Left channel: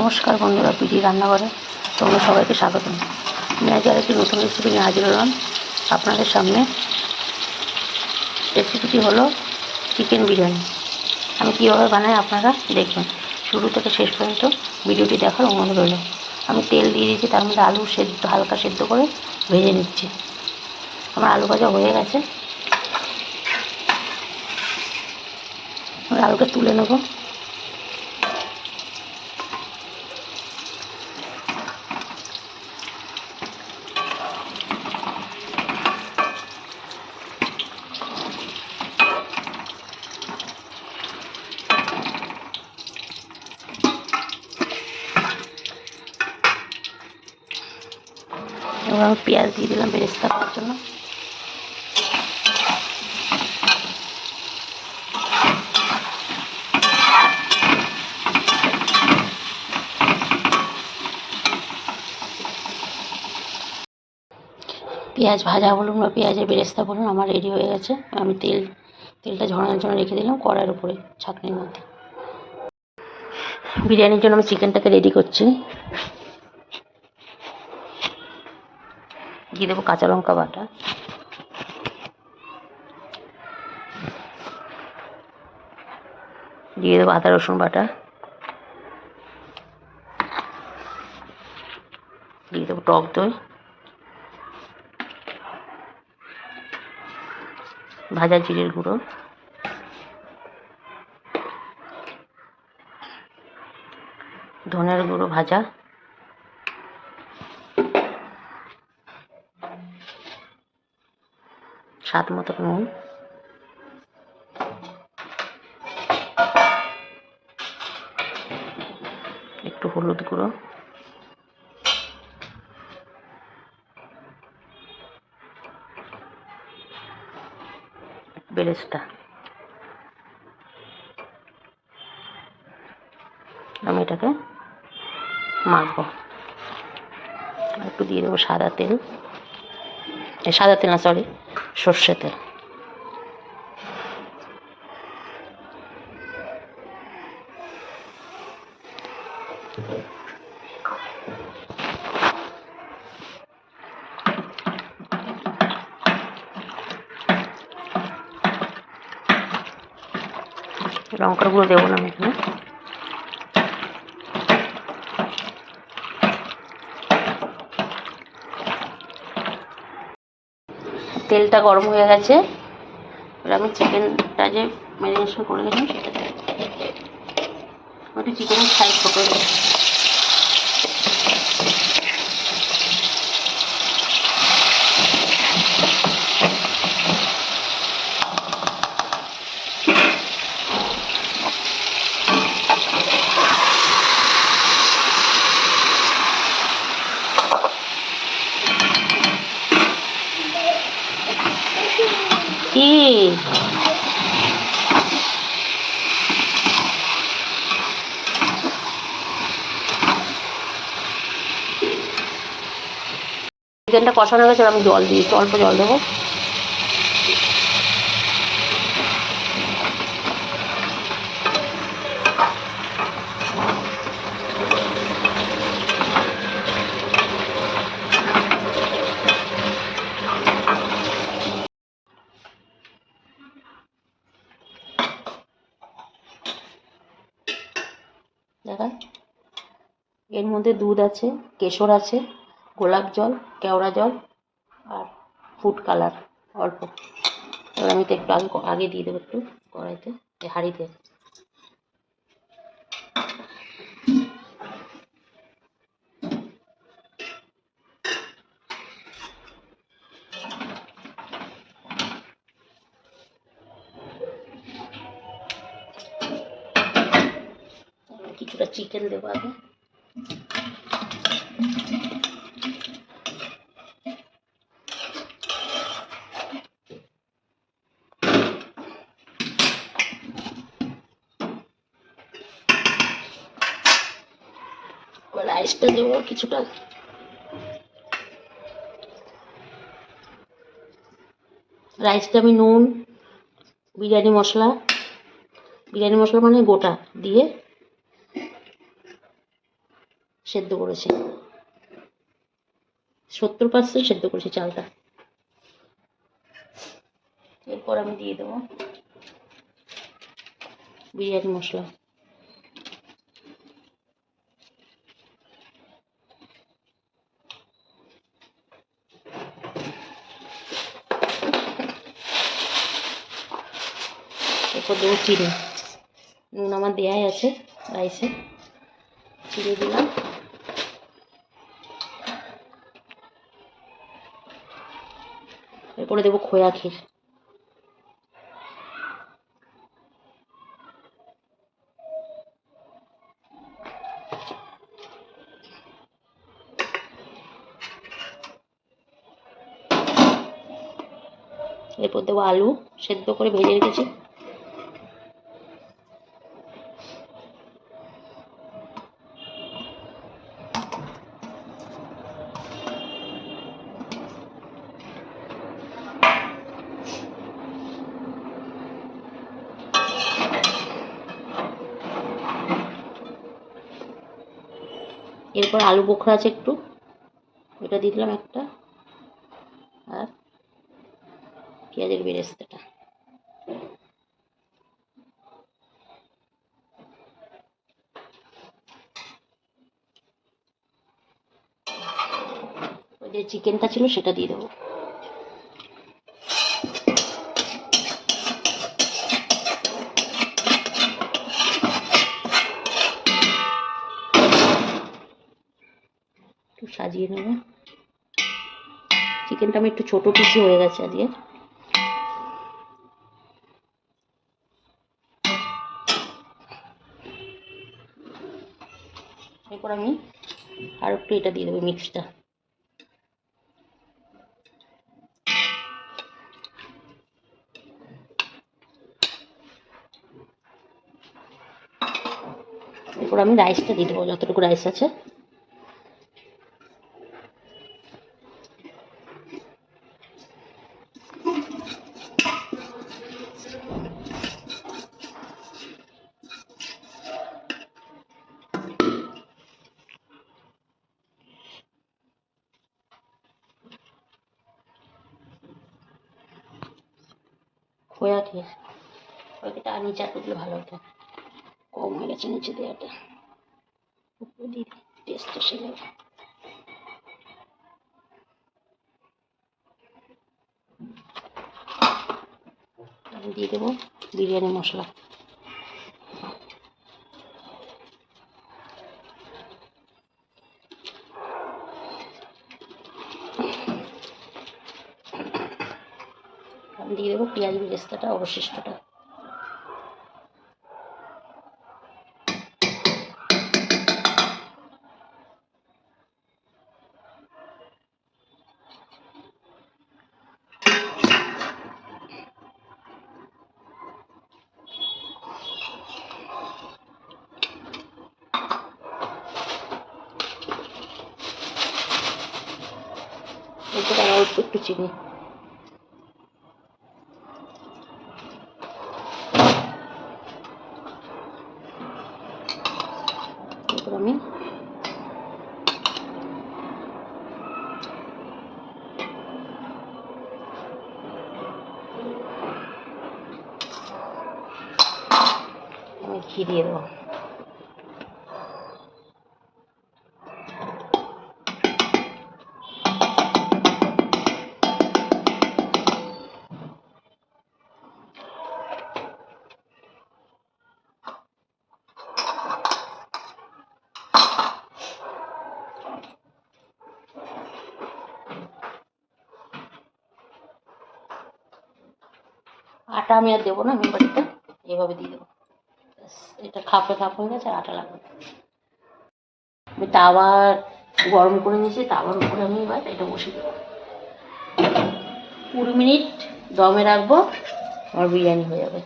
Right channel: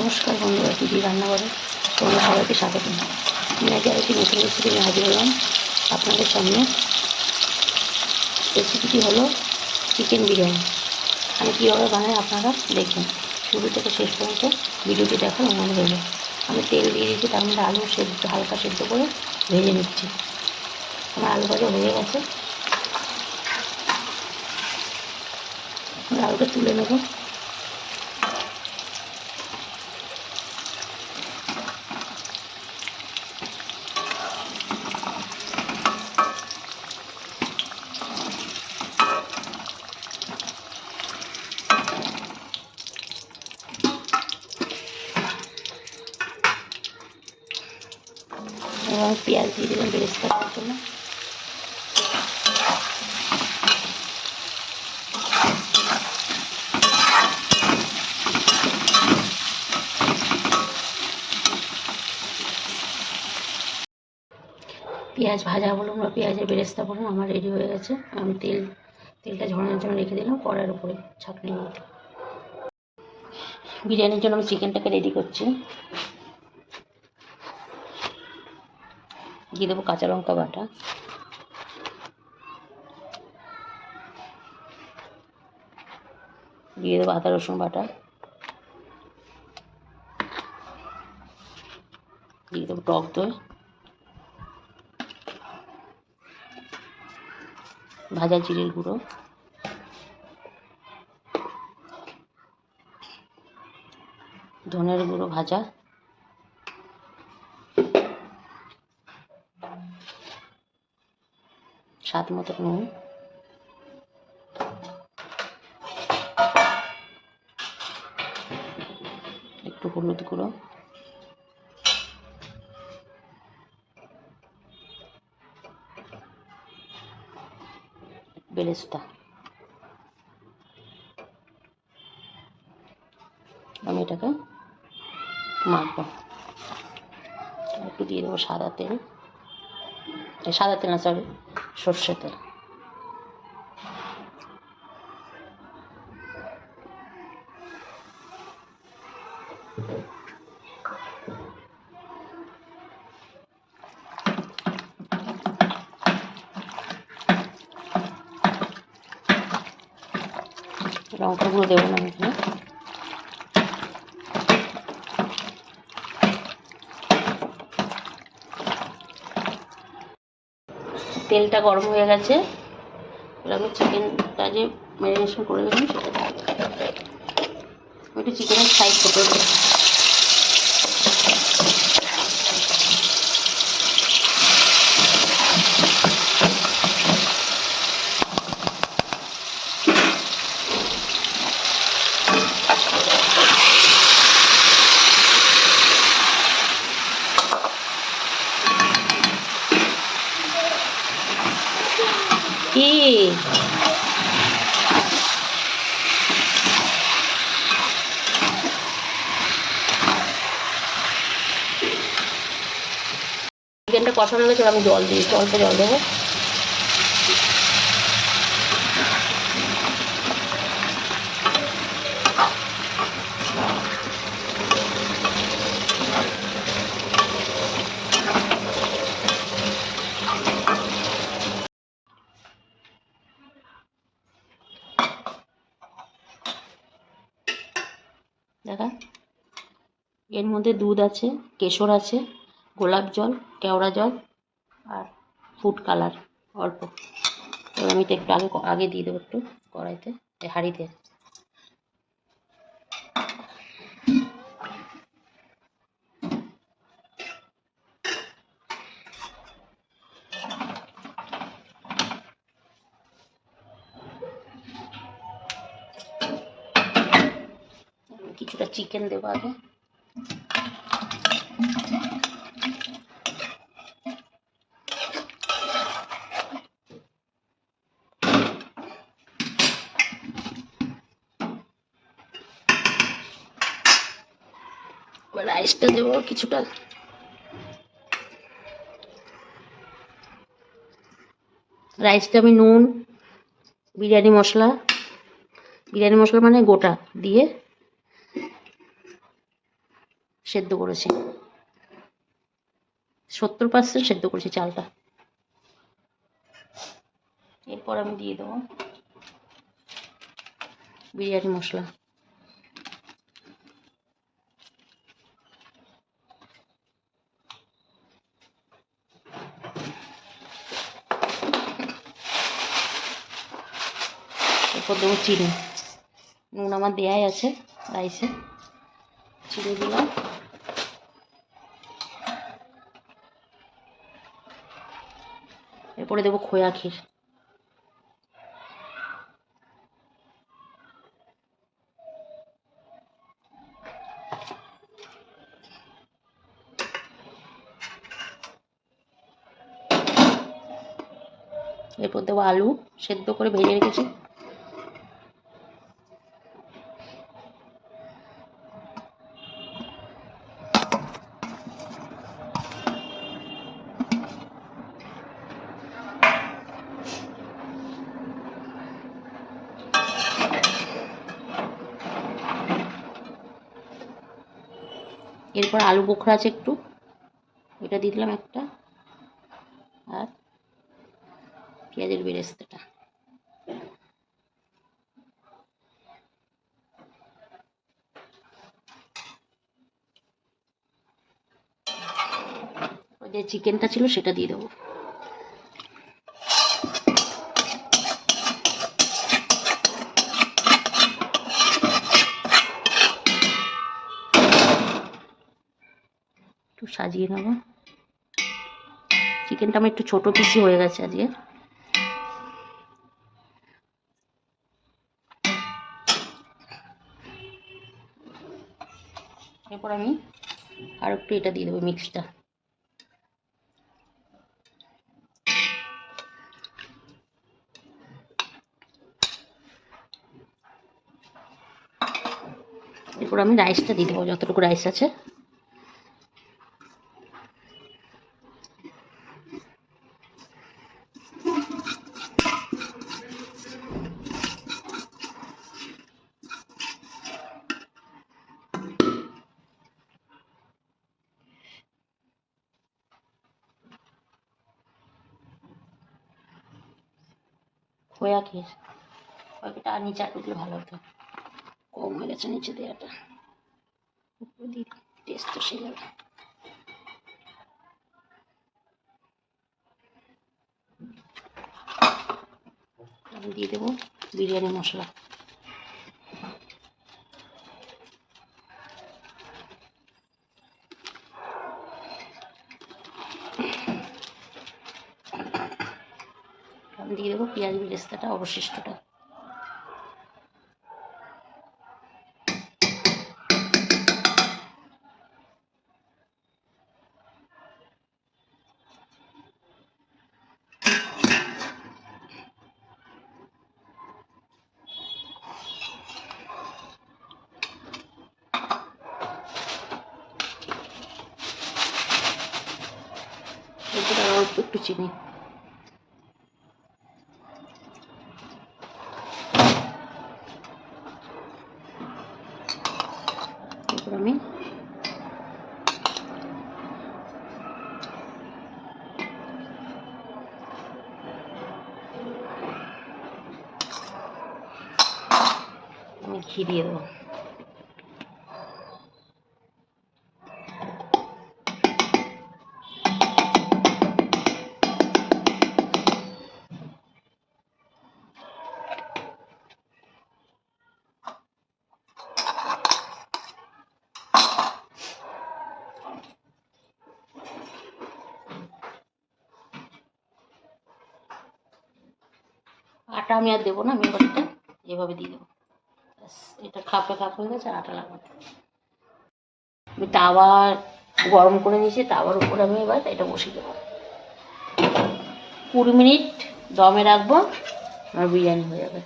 নমস্কার বন্ধুরা, পিডি রান্নাঘরে তোমাদের সবাইকে স্বাগতম। আমি আজ আরেকটি নতুন রেসিপি নিয়ে হাজির হলাম আপনাদের সামনে। রেসিপিটি হলো চিকেন বিরিয়ানি। আমি কীভাবে বানাই আপনারা দেখবেন। শুরু থেকে শেষ পর্যন্ত ভিডিওটি দেখার অনুরোধ রইল। আমি তেল দিয়ে দিয়েছি, তার মধ্যে আলু সেদ্ধ হালকা সেদ্ধ করে ভেজে নিচ্ছি। আমার আলু ভাজা হয়ে গেছে, আমি আলুটা তুলে নেব। এবার আমি পেঁয়াজ দিয়ে দিলাম বেরেস্তা করার জন্য। পেঁয়াজ ভাজা বলুন বা পেঁয়াজের বেরেস্তা বলুন, আমার রেডি হয়ে গেছে। আমি তেলটা ঝরানোর জন্য রেখে দিলাম কড়াইয়ের উপরে ছাঁকনির মধ্যে। বিরিয়ানির জন্য আমি চিকেনটাকে রেডি করছি। দিয়ে দেবো কাঁচা লঙ্কা বাটা, দিয়ে দেবো আদা রসুন বাটা, দিয়ে দেবো টক দই, ভাজা জিরের গুঁড়ো, ধনের গুঁড়ো ভাজা, স্বাদ মতো নুন, একটু হলুদ গুঁড়ো, বেরেস্তা। আমি এটাকে মাখবো। একটু দিয়ে দেবো সাদা তেল না, সর্ষে তেল। লঙ্কার গুঁড়ো দেবো না আমি এখানে। তেলটা গরম হয়ে গেছে, এবার আমি চিকেনটা যে ম্যারিনেশন করে গেছিলাম সেটা দেবো। ওটা চিকেনের সাইজ ছোটো দেবো। চিকেনটা কষানো হয়ে গেছে, আমি জল দিয়েছি, অল্প জল দেবো। দেখা, এর মধ্যে দুধ আছে, কেশর আছে, গোলাপ জল, কেওড়া জল আর ফুড কালার অল্প। এবার আমি তো একটু আগে দিয়ে দেবো একটু কড়াইতে, হাঁড়িতে। কিছুটা চিকেন দেবো আগে। রাইসটা দেবো কিছুটা। রাইসটা আমি নুন, বিরিয়ানি মশলা মানে গোটা দিয়ে সেদ্ধ করেছি, 70% সেদ্ধ করেছি চালটা। এরপর আমি দিয়ে দেবো বিরিয়ানি মশলা। এরপর দেবো চিনি। নুন আমার দেওয়াই আছে রাইসে, চিনি দিলাম। এরপরে দেবো খোয়া ক্ষীর। এরপর দেবো আলু সেদ্ধ করে ভেজে রেখেছি। এরপর আলু বোখরা আছে একটু, ওটা দিয়ে দিলাম একটা, আর পেঁয়াজের বেরেস্তাটা। ওই যে চিকেনটা ছিল সেটা দিয়ে দেবো। একটু সাজিয়ে নেব। চিকেনটা আমার একটু ছোটো পিসি হয়ে গেছে আজকে। এরপর আমি আর একটু এটা দিয়ে দেবো মিক্সটা। এরপর আমি রাইসটা দিয়ে দেবো, যতটুকু রাইস আছে। খোয়া ক্ষীর ওইটা আর নিচে দিলে ভালো হতো, কম হয়ে গেছে নিচে দেওয়াটা। উপরে দিয়ে টেস্টটা সে লাগে। আমি দিয়ে দেবো বিরিয়ানি মশলা। আমি দিয়ে দেবো পেঁয়াজ বেরেস্তাটা অবশিষ্টটা। এরপর আবার একটু চিনি। এরপর আমি ঘি দিয়ে দেবো। আটা আমি আর দেবো না, আমি এবার এটা এভাবে দিয়ে দেবো। এটা খাপে খাপ হয়ে গেছে, আটা লাগবে। আমি তাওয়া গরম করে নিয়েছি, তাওয়ার উপরে আমি এবার এটা বসিয়ে দেবো। 20 মিনিট দমে রাখবো, আর বিরিয়ানি হয়ে যাবে।